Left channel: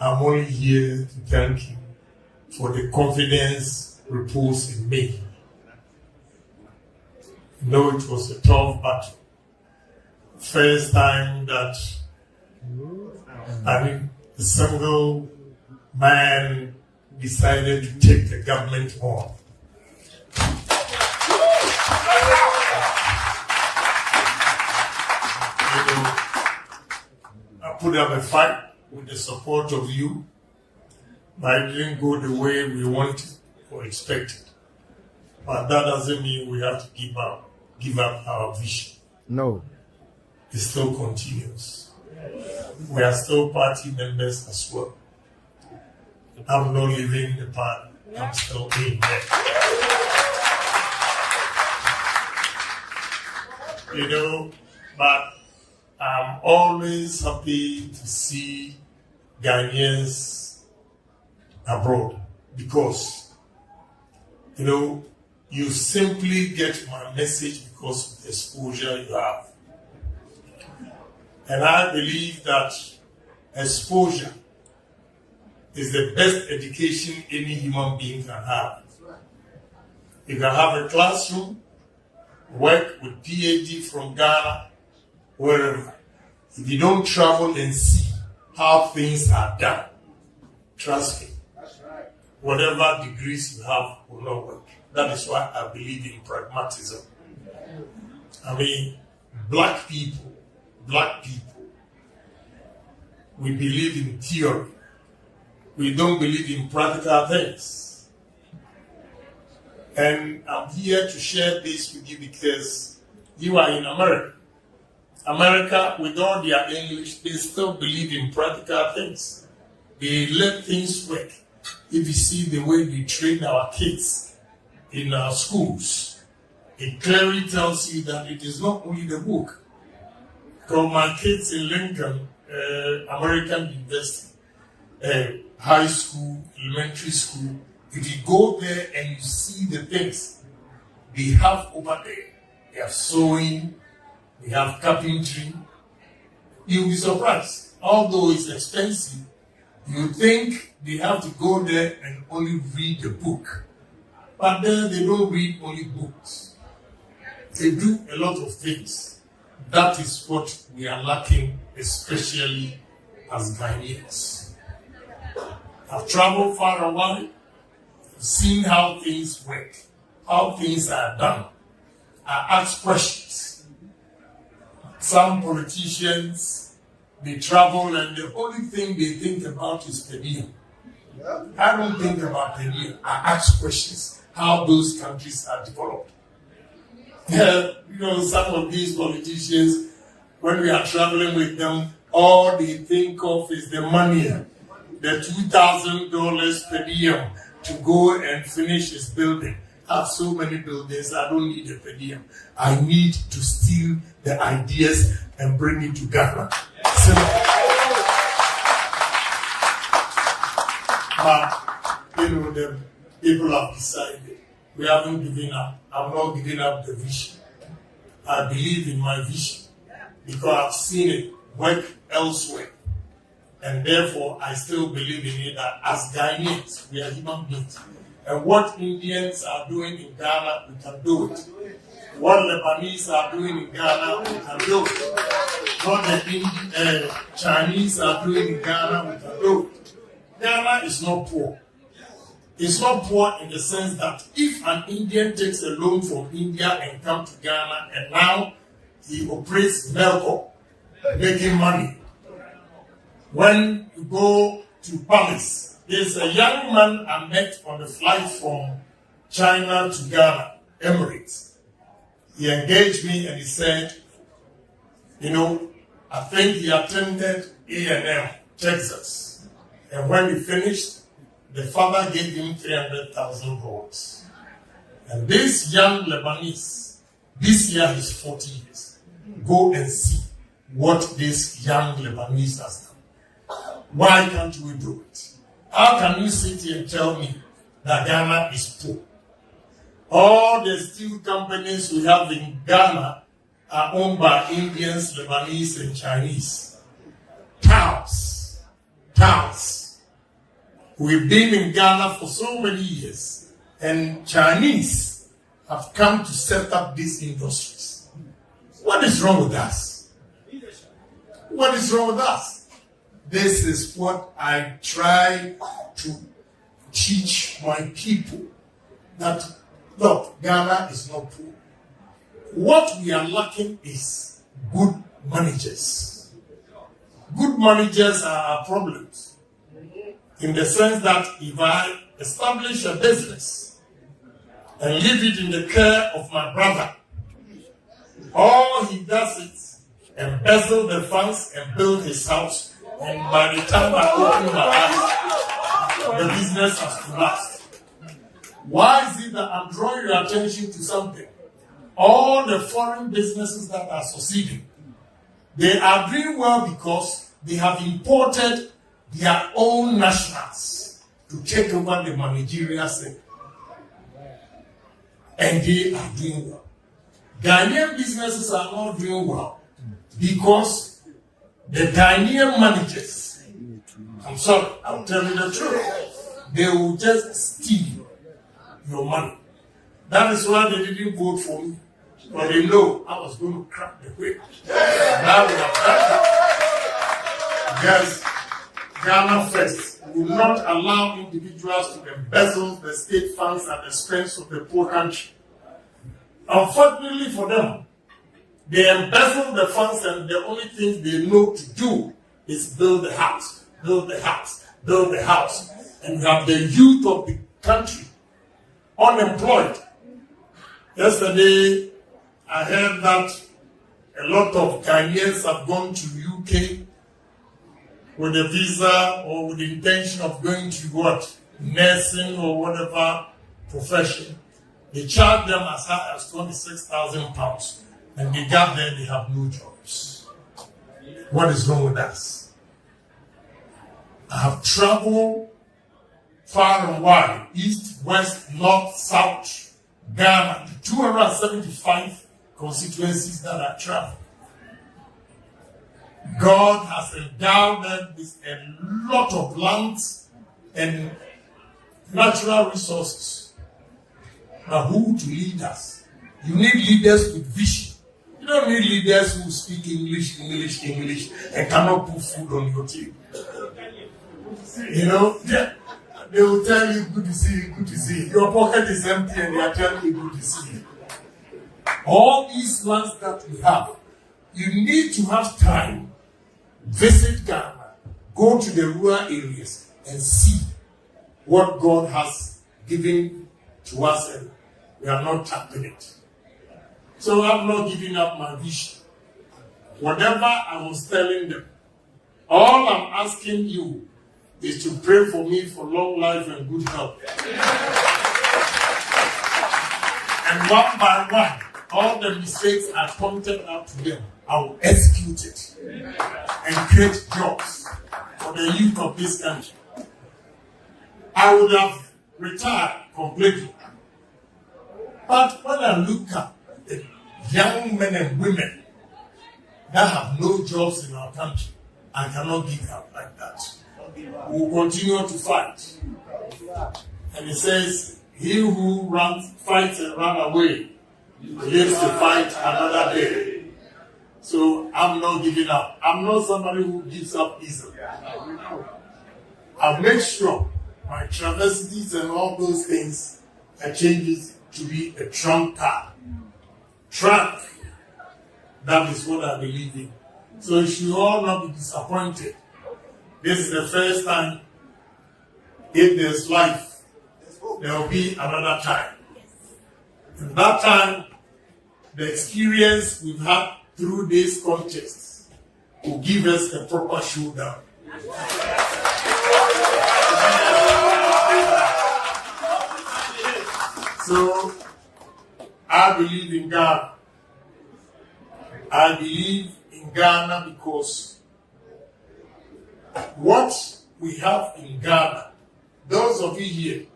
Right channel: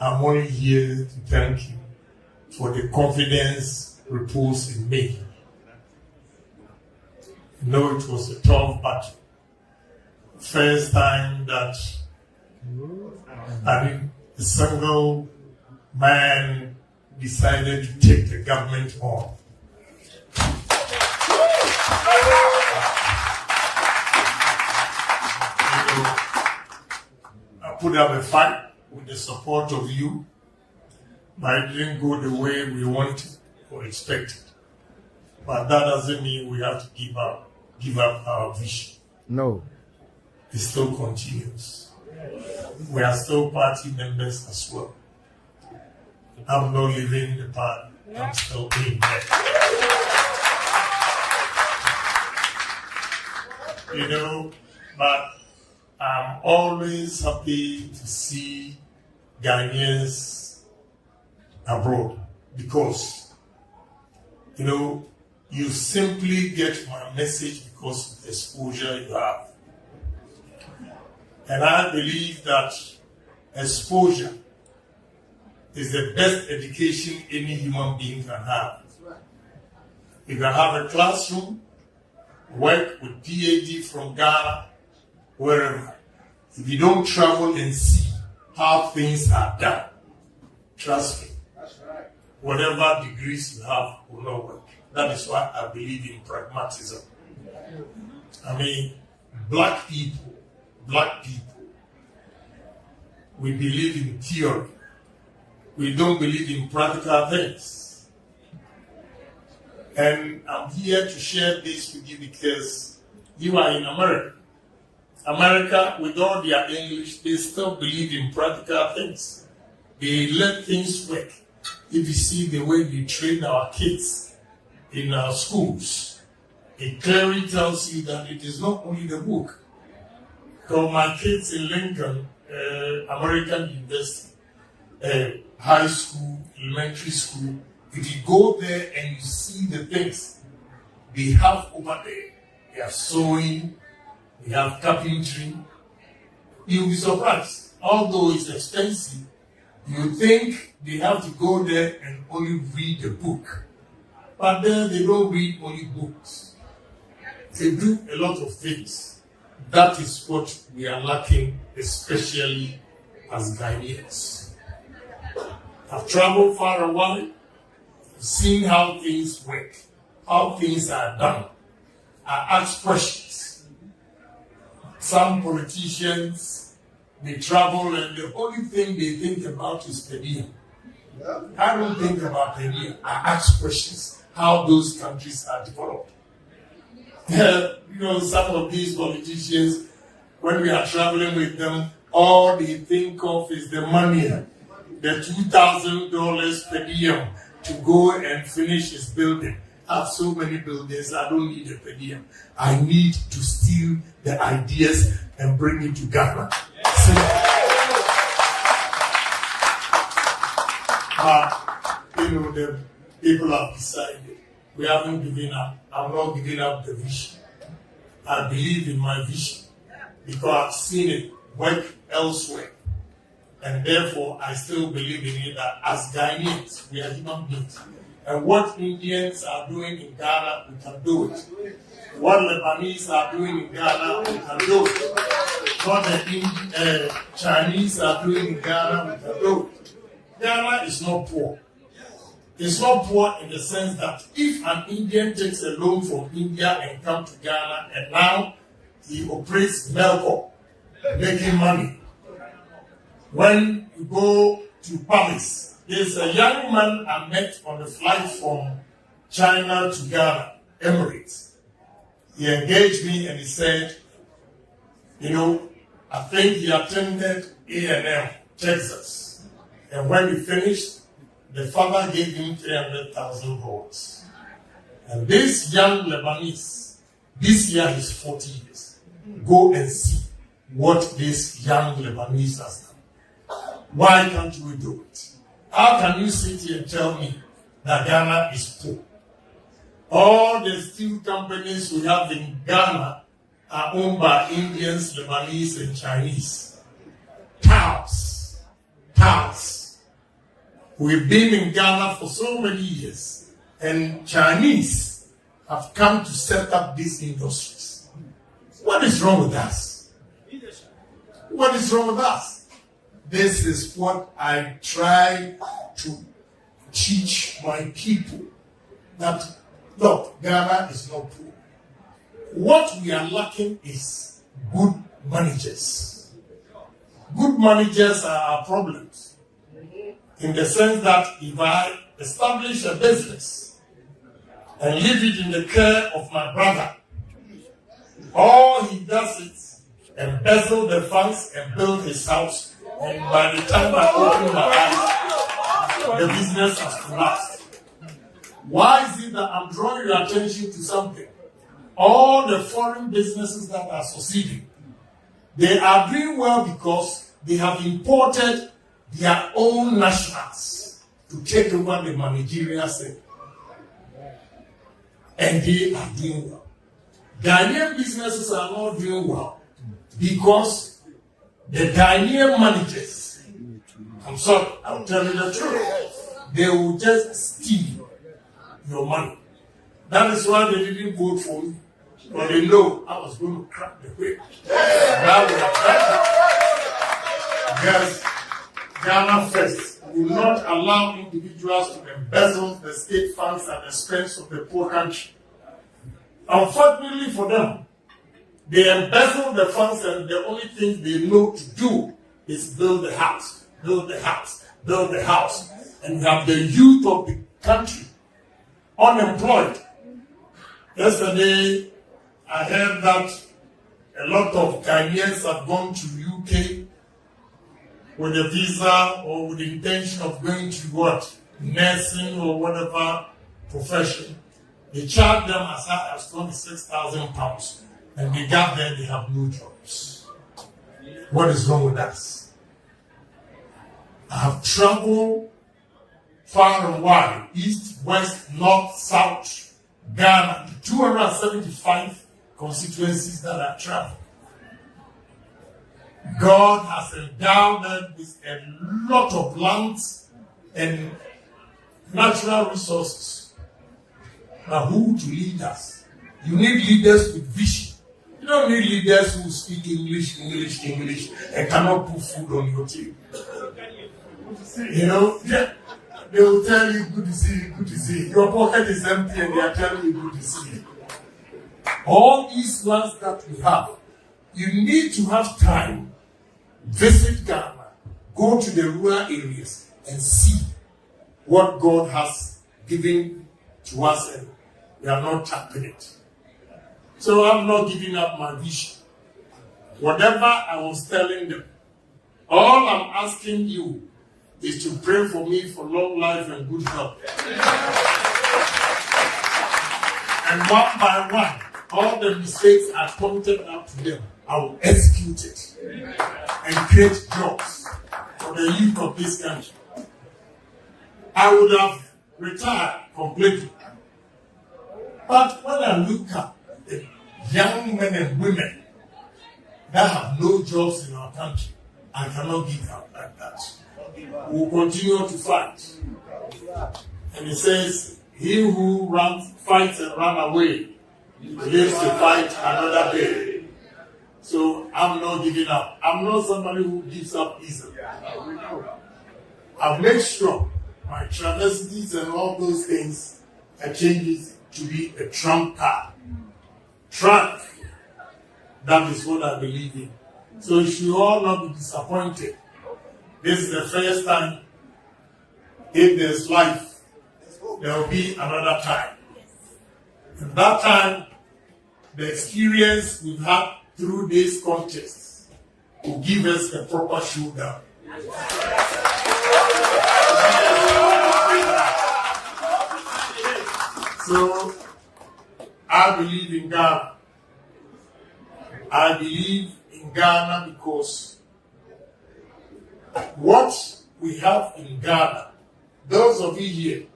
I'm only here to thank you for the confidence reposed in me. I know it was a tough battle. First time that a single man decided to take the government on. I put up a fight with the support of you, but it didn't go the way we wanted or expected. But that doesn't mean we have to give up our vision. No. It still continues. We are still party members as well. I'm not leaving the party. I'm still in there. But I'm always happy to see Ghanaians abroad because, you simply get my message because of the exposure you have. And I believe that exposure is the best education any human being can have. You can have a classroom, work with PhD from Ghana, wherever. If you don't travel and see how things are done, trust me, whatever degrees you have will not work. That is why I believe in pragmatism. Black people, we believe in theory. We don't believe in practical things. And I'm here to share this with you because you are in America. America, with all their English, they still believe in practical things. They let things work. If you see the way we train our kids in our schools, it clearly tells you that it is not only the book. Because my kids in Lincoln, American University, high school, elementary school, if you go there and you see the things they have over there, they have sewing, they have carpentry, you'll be surprised. Although it's expensive, you think they have to go there and only read the book. But then they don't read only books. They do a lot of things. That is what we are lacking, especially as Ghanaians. I've traveled far away, seen how things work, how things are done. I ask questions. Some politicians, they travel and the only thing they think about is per diem. I don't think about per diem. I ask questions, how those countries are developed. Some of these politicians, when we are traveling with them, all they think of is the money, the $2,000 per diem to go and finish his building. I have so many buildings, I don't need a per diem. I need to steal the ideas and bring it to Ghana. The people have decided. We haven't given up. I'm not giving up the vision. I believe in my vision because I've seen it work elsewhere. And therefore, I still believe in it that as Ghanaians, we are human beings. And what Indians are doing in Ghana, we can do it. What Lebanese are doing in Ghana, we can do it. What the Chinese are doing in Ghana, we can do it. Ghana is not poor. It's not poor in the sense that if an Indian takes a loan from India and comes to Ghana and now he operates Melco, making money. When you go to Paris, there's a young man I met on the flight from China to Ghana, Emirates. He engaged me and he said, I think he attended A&M, Texas. And when we finished, the father gave him 300,000 votes. And this young Lebanese, this year he's 40 years. Go and see what this young Lebanese has done. Why can't we do it? How can you sit here and tell me that Ghana is poor? All the steel companies we have in Ghana are owned by Indians, Lebanese, and Chinese. Pounds. We've been in Ghana for so many years, and Chinese have come to set up these industries. What is wrong with us? What is wrong with us? This is what I try to teach my people. That, look, Ghana is not poor. What we are lacking is good managers. Good managers are our problems. In the sense that if I establish a business and leave it in the care of my brother, all he does is embezzle the funds and build his house, and by the time I open my house, the business has collapsed. Why is it that I'm drawing your attention to something? All the foreign businesses that are succeeding, they are doing well because they have imported their own nationals to take over the managerial sector. And they are doing well. Ghanaian businesses are not doing well because the Ghanaian managers, I'm sorry, I'll tell you the truth, they will just steal your money. That is why they didn't vote for me. But they know I was going to crack the whip. Now we are cracking. Because Ghana first will not allow individuals to embezzle the state funds at the expense of the poor country. Unfortunately for them, they embezzle the funds and the only thing they know to do is build the house, build the house, build the house. And you have the youth of the country unemployed. Yesterday, I heard that a lot of Ghanaians have gone to UK with a visa or with the intention of going to what? Nursing or whatever profession. They charge them as high as £26,000. And they got there, they have no jobs. What is wrong with us? I have traveled far and wide, east, west, north, south, Ghana, 275 constituencies that I travel. God has endowed them with a lot of lands and natural resources. But who to lead us? You need leaders with vision. You don't need leaders who speak English, and cannot put food on your table. You know, they will tell you, good to see you, good to see you. Your pocket is empty and they are telling you, good to see you. All these lands that we have, you need to have time, visit Ghana, go to the rural areas and see what God has given to us, and we are not tapping it. So I'm not giving up my vision. Whatever I was telling them, all I'm asking you is to pray for me for long life and good health. And one by one, all the mistakes I pointed out to them, I will execute it and create jobs for the youth of this country. I would have retired completely. But when I look at the young men and women that have no jobs in our country, I cannot give up like that. We will continue to fight. And it says, he who fights and runs away lives to fight another day. So I'm not giving up. I'm not somebody who gives up easily. I've made sure my travesties and all those things I change it to be a trump card. Trump. That is what I believe in. So you should all not be disappointed. This is the first time. If there's life, there will be another time. And that time, the experience we've had through this contest will give us a proper showdown. So, I believe in Ghana. I believe in Ghana because what we have in Ghana, those of you here,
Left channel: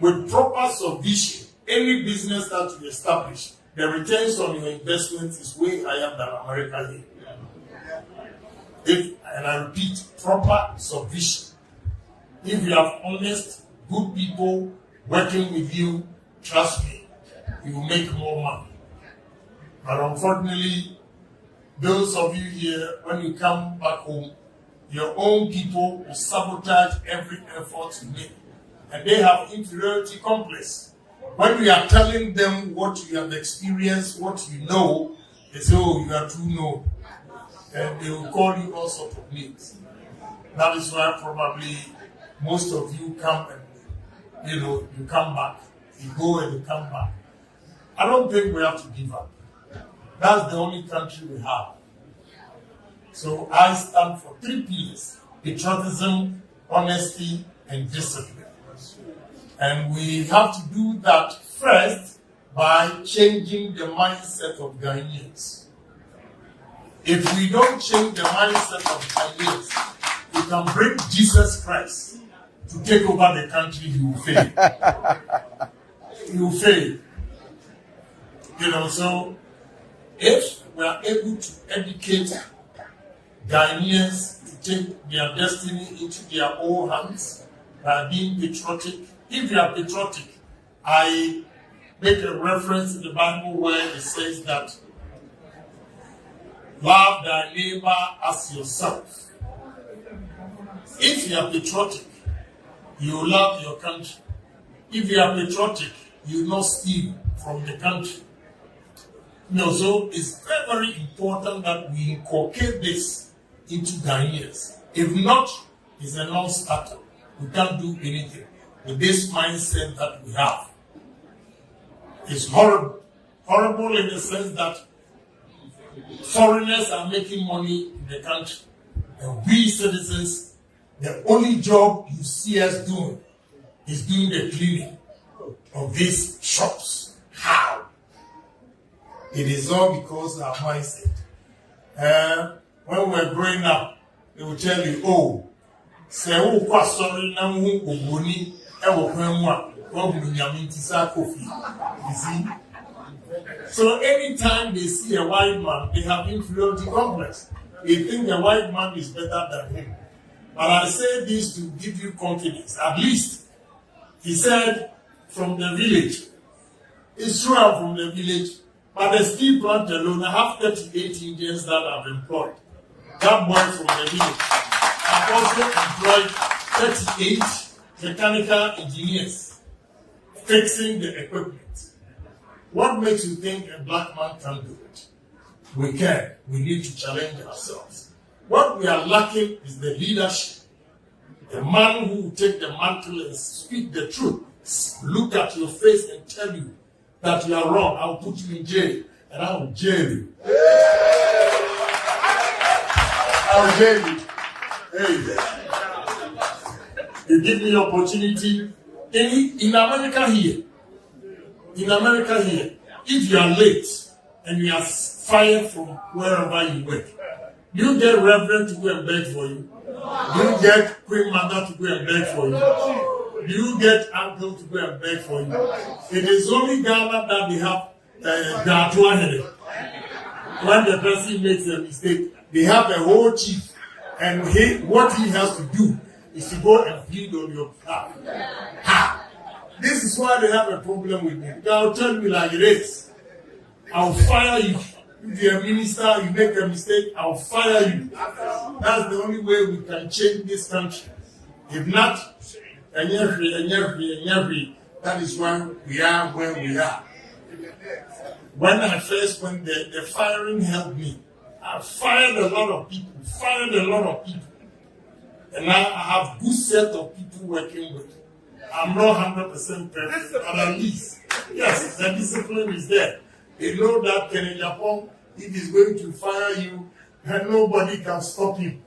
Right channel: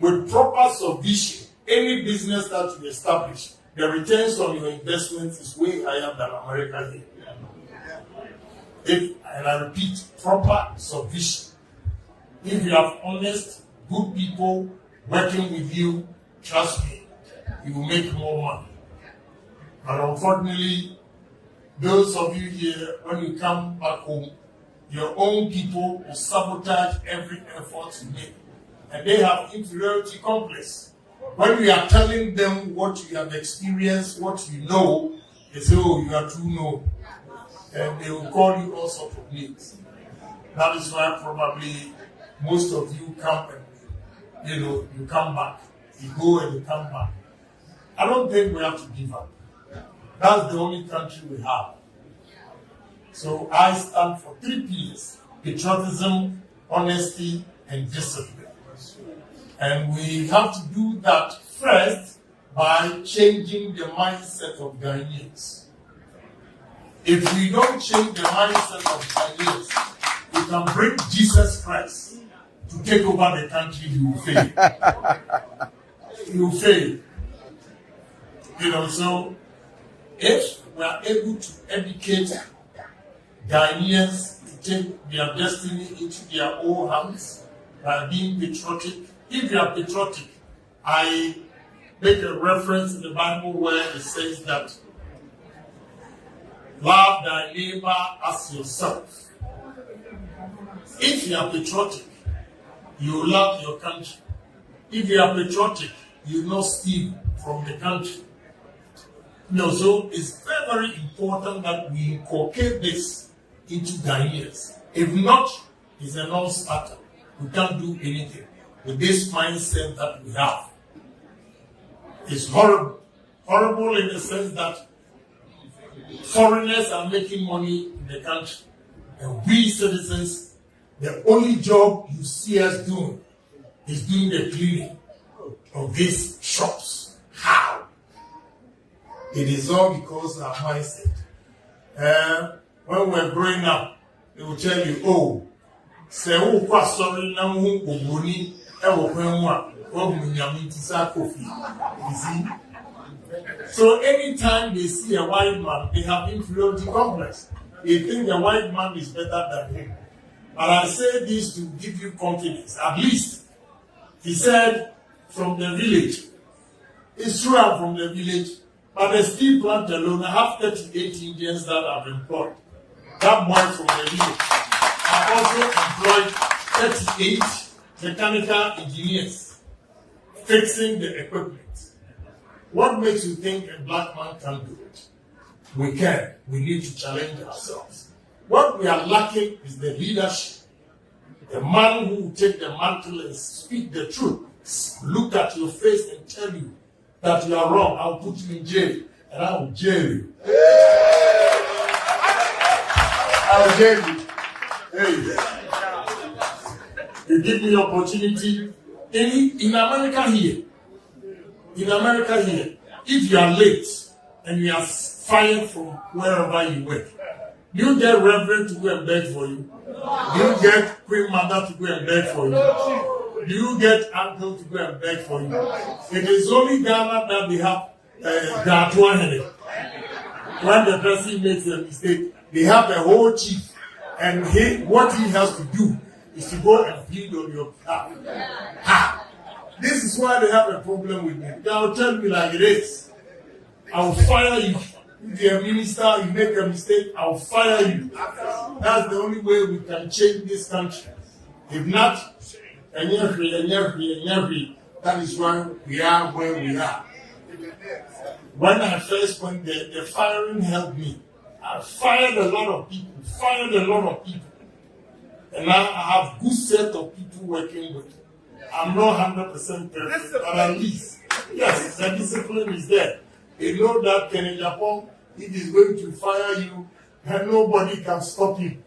with proper subvision, any business that you establish, the returns on your investments is way higher than America here. And I repeat, proper subvision. If you have honest, good people working with you, trust me, you will make more money. But unfortunately, those of you here, when you come back home, your own people will sabotage every effort you make. And they have inferiority complex. When we are telling them what you have experienced, what you know, they say, oh, you are too known. And they will call you all sorts of names. That is why probably most of you come and, you come back. You go and you come back. I don't think we have to give up. That's the only country we have. So I stand for 3 P's: patriotism, honesty, and discipline. And we have to do that first by changing the mindset of Ghanaians. If we don't change the mindset of Ghanaians, we can bring Jesus Christ to take over the country, he will fail. He will fail. So if we are able to educate Ghanaians to take their destiny into their own hands by being patriotic. If you are patriotic, I make a reference in the Bible where it says that love thy neighbor as yourself. If you are patriotic, you love your country. If you are patriotic, you will not steal from the country. So it's very, very important that we inculcate this into Ghanaians. If not, it's a non-starter. We can't do anything with this mindset that we have. It's horrible. Horrible in the sense that foreigners are making money in the country. And we citizens, the only job you see us doing is doing the cleaning of these shops. How? It is all because of our mindset. When we're growing up, they will tell you, oh, say, oh, sorry, now, Kofi. You see? So anytime they see a white man, they have inferiority complex. They think the white man is better than him. But I say this to give you confidence. At least, he said, from the village. It's true I'm from the village, but the steel plant alone, I have 38 Indians that I've employed. That boy from the village. I also employed 38 mechanical engineers fixing the equipment. What makes you think a black man can't do it? We can. We need to challenge ourselves. What we are lacking is the leadership. The man who will take the mantle and speak the truth. Look at your face and tell you that you are wrong. I'll put you in jail. And I will jail you. I will jail you. Hey. You give me the opportunity. In America here, if you are late and you are fired from wherever you work, you get reverend to go and beg for you. You get queen mother to go and beg for you. You get uncle to go and beg for you. It is only Ghana that they have Grassroots. When the person makes a mistake, they have the whole chief, and what he has to do is to go and plead on your behalf. How? This is why they have a problem with me. They'll tell me like it is. I'll fire you. If you're a minister, you make a mistake, I'll fire you. That's the only way we can change this country. If not, that is why we are where we are. When I first went there, the firing helped me. I fired a lot of people. And now I have a good set of people working with. I'm not 100% perfect, but at least, yes, the discipline is there. They know that in Agyapong, if he's going to fire you, and nobody can stop him.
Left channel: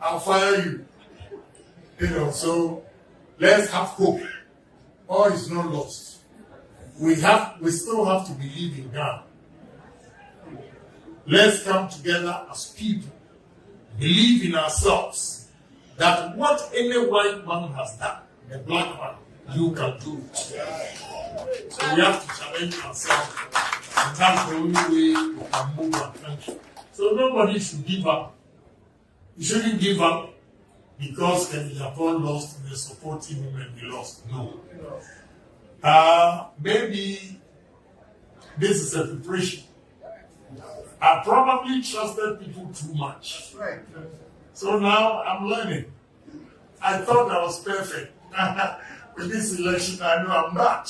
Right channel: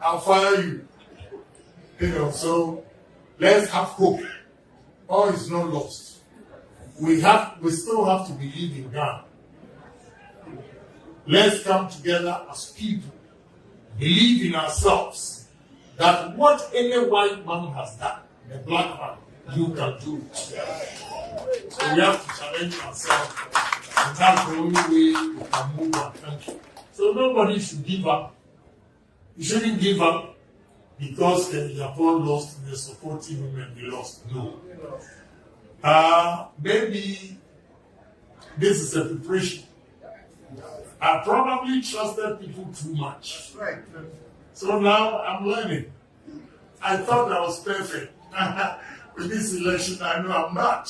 I'll fire you. So let's have hope. All is not lost. We still have to believe in God. Let's come together as people, believe in ourselves, that what any white man has done, the black man, you can do it. So we have to challenge ourselves, and that's the only way we can move our country. So nobody should give up. You shouldn't give up. because Agyapong lost, we are supporting him and we lost. No. Maybe this is a preparation. I probably trusted people too much. So now I'm learning. I thought I was perfect. With this election, I know I'm not.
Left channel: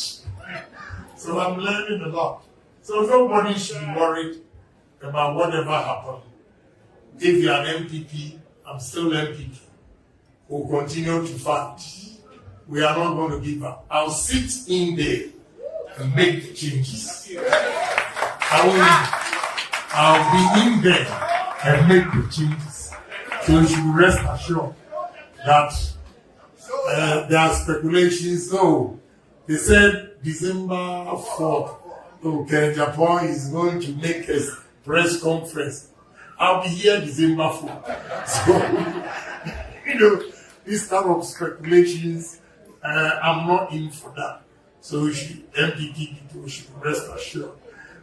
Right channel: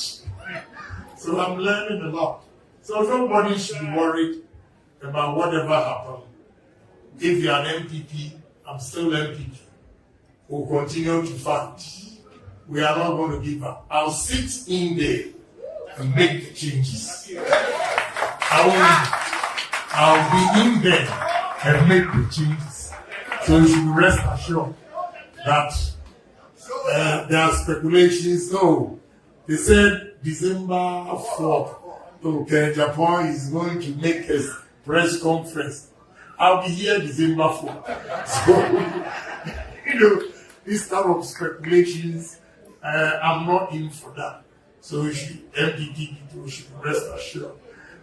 So I'm learning a lot. So nobody should be worried about whatever happened. If you are an MPP, I'm still MPP. We'll continue to fight. We are not going to give up. I'll sit in there and make the changes. I'll be in there and make the changes. So you should rest assured that there are speculations. So they said December 4th, okay, Japan is going to make a press conference. I'll be here December 4th. So, this kind of speculations, I'm not in for that. So MPP people should rest assured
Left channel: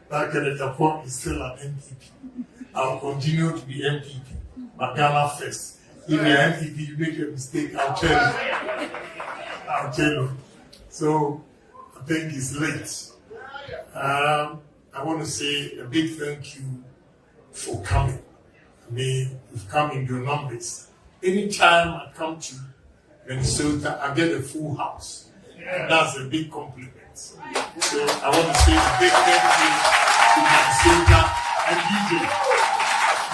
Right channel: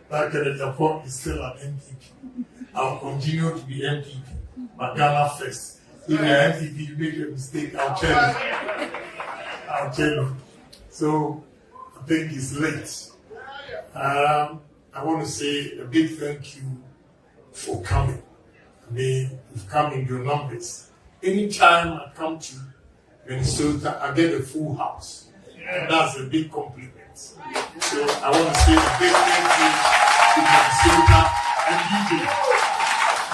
that Japan is still an MPP. I'll continue to be MPP. But Ghana first. If you're MPP, you make a mistake, I'll tell you. So, I think it's late. I want to say a big thank you for coming. You've come in your numbers. Anytime I come to Minnesota, I get a full house. And that's a big compliment. So I want to say a big thank you to Minnesota and DJ.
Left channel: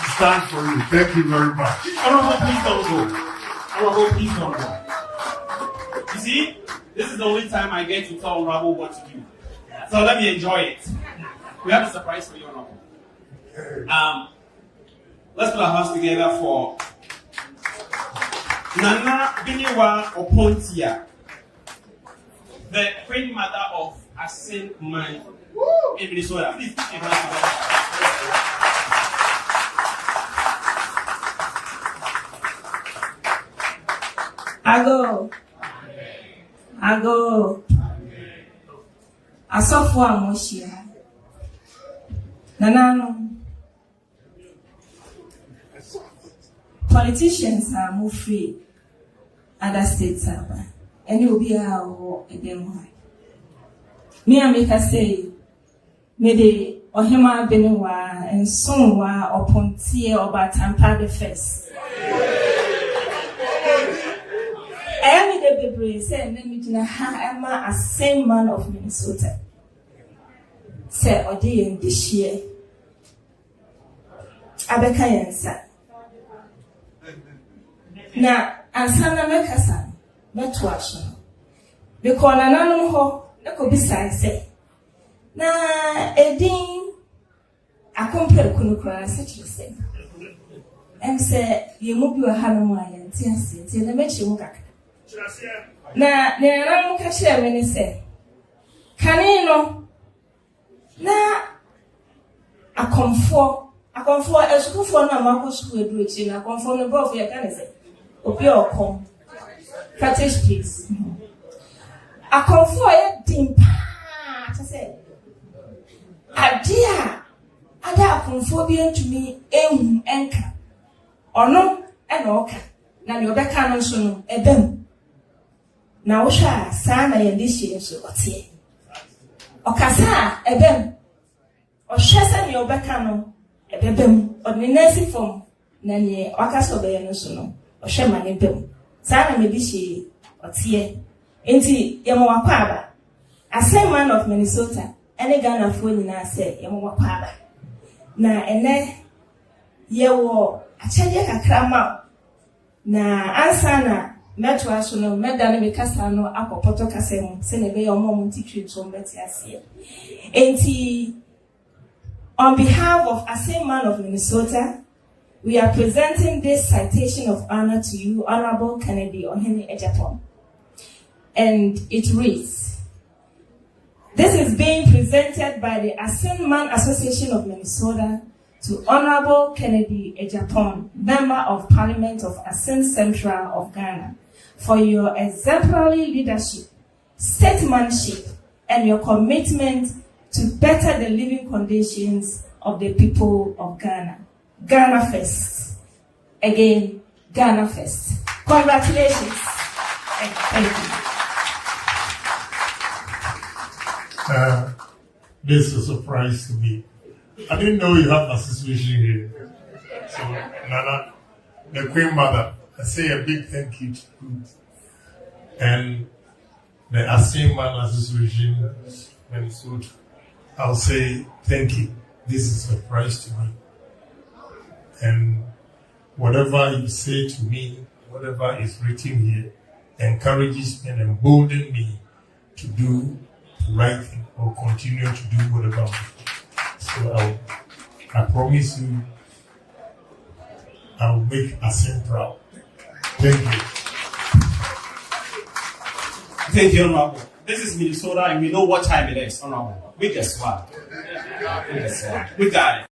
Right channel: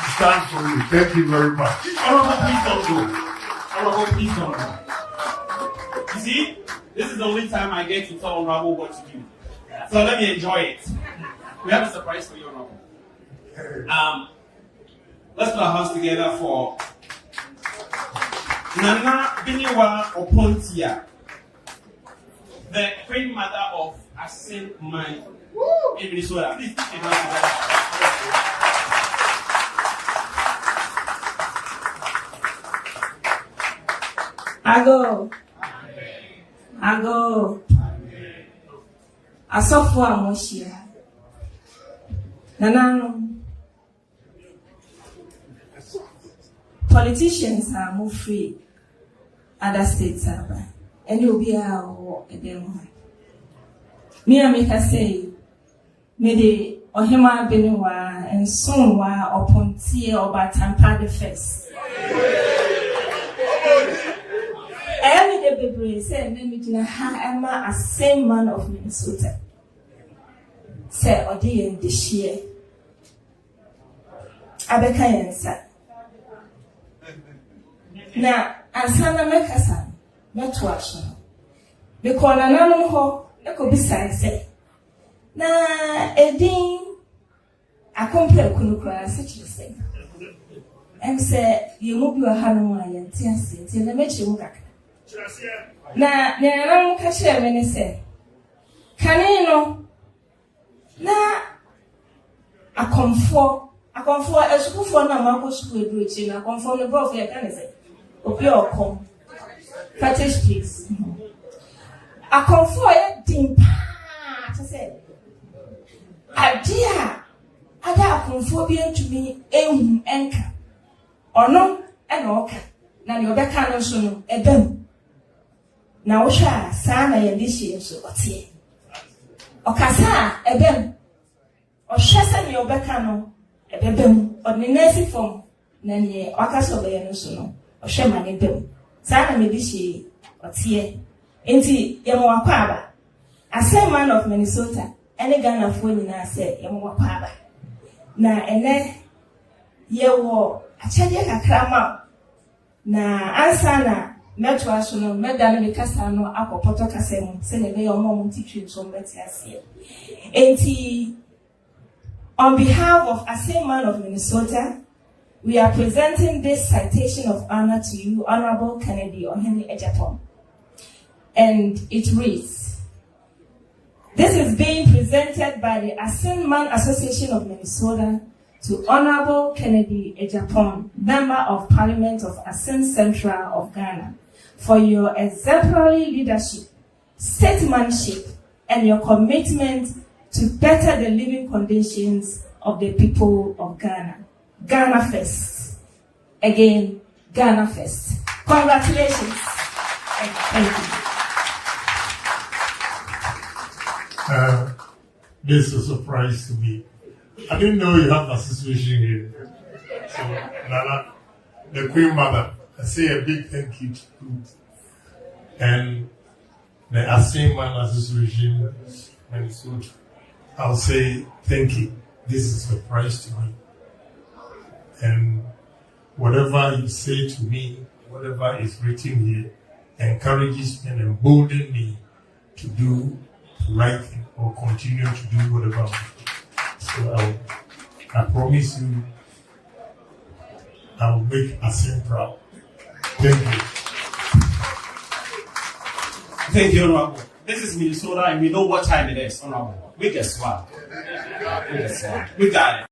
It's time for you. Thank you very much. Please don't go. You see, this is the only time I get to tell Rabo what to do. So let me enjoy it. We have a surprise for you, Honorable. Let's put our hands together for Nana Biniwa Opontia, the queen mother of Asin Man in Minnesota. Please put your hands together. Ago. Asofo amoshia. Nanano. Politicians are more free. Other states are. And you'll be out again. Me and make say, maybe Ohima Beniwa and Sunwa or Pontier or Batampa the first. Every day, people say, I'm a same man of Minnesota. Say, Odi and this year. Abekayan sa. Na, ansana mekasa, metwasho. Because nanano ho, neko bisai say. Na, edin, akompe kunukura, such you say. Say, you move your hand on my entity, till the make you look. Na nera nkashia mene se kanino na akomfo esukufo na mako school educhi na akomfo no go for kan se obi okom Ghpage speaks akomfo e dimpa to say adia ada akomfo bi ntumi ehun enka ono e na oka na ne obeka no so no ebam na wosha sana yendishie so otie okasa ebem ohwese ne obeka no ebem ordinary form na ne wakaso be no so no ohwe mane dem sana medishie otie enti yemo akwa as a man of Minnesota any Ghana for nyina say yemo akwa na ene yewo achede kakrama na ansana Metwa sono medani mikasa no akopoto kasem se ne be yomo mutitri so metiasie. Enti on behalf of Asin Man of Minnesota, we are presenting this citation of honor to you, Honorable Kennedy Ohene Agyapong. And it reads, this is being presented by the Asin Man Association of Minnesota to Honorable Kennedy Agyapong, Member of Parliament of Asin Central of Ghana, for your exemplary leadership, statesmanship, and your commitment to better the living conditions of the people of Ghana. Ghana first. Again, Ghana first. Congratulations. Thank you. This was a surprise to me. I didn't know you have an association here. So, Nana, the Queen Mother, I say a big thank you to you. And the Aseman Association, and so I'll say thank you. This is a surprise to me. And whatever you say to me, whatever is written here, encourages and emboldens me to do the right thing or continue to do whatever. So I promise you, I'll make Asim proud. Thank you. Thank you, Honorable. This is Minnesota, and we know what time it is, Honorable. We just won. We got it.